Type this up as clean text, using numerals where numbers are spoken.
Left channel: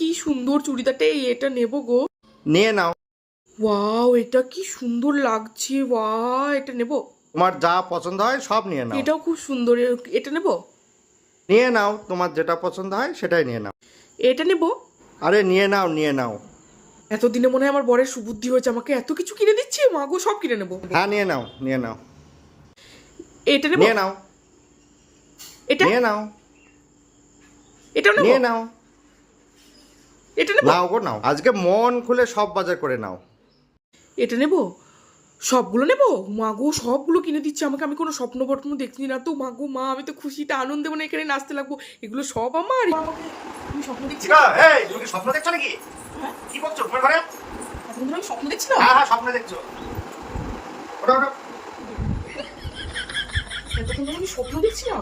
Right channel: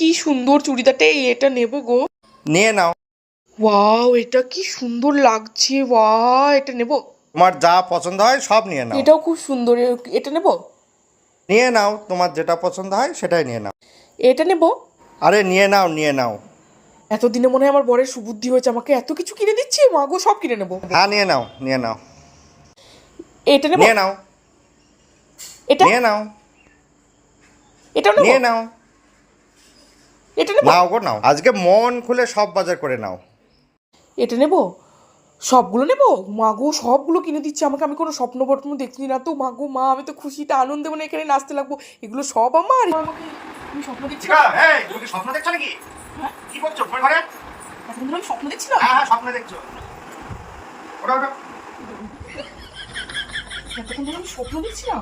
কি সুন্দর চুড়িদারটা, এটা নেবো গো। নিয়ে নাও। ওয়াও, এটা কি সুন্দর লাগছে, ওয়াও এটা নেবো। তোমার যা পছন্দ হয় সব নিয়ে নাও। এটাও খুব সুন্দর, এটা নেবো। নিয়ে নাও, তোমার যেটা পছন্দ হয় সেটাই নিয়ে নাও। এটা নেবো। আরে নিয়ে নাও, নিয়ে নাও। এতদিনে মনে হয় আমার বরের সুবুদ্ধি হয়েছে, আমাকে এত কিছু কিনে দিচ্ছে, মা গো সব কিনে নেবো। হ্যাঁ নিয়ে নাও, নিয়ে নাও। এটা নেবো। নিয়ে নাও, এটা নিয়ে নাও, এটাও নেবো। নিয়ে নাও। এটা নেবো। নাও গো নাও, আজকে মন খুলে সব বাজার করে নাও। এটা নেবো, সবগুলো নেবো। মা গো সবগুলো কিনে দিচ্ছে আমাকে, আমি কোনো স্বপ্ন বটন দেখছি না তো। মা গো মা, আমি তো খুশিতে আনন্দে মানে এখানে নাচতে লাগবো। এগুলো সব আমার। আমাকে আমি স্বপ্ন দেখছি না। এই তুমি স্বপ্ন দেখছো নাকি? হ্যাঁ? কি বলছো ঘুরে ঘুরে? এখন ধরে আমি স্বপ্ন দেখছিলাম। হ্যাঁ হ্যাঁ, স্বপ্ন দেখছো। ওটা ওটা এতক্ষণ ধরে আমি স্বপ্ন দেখছিলাম।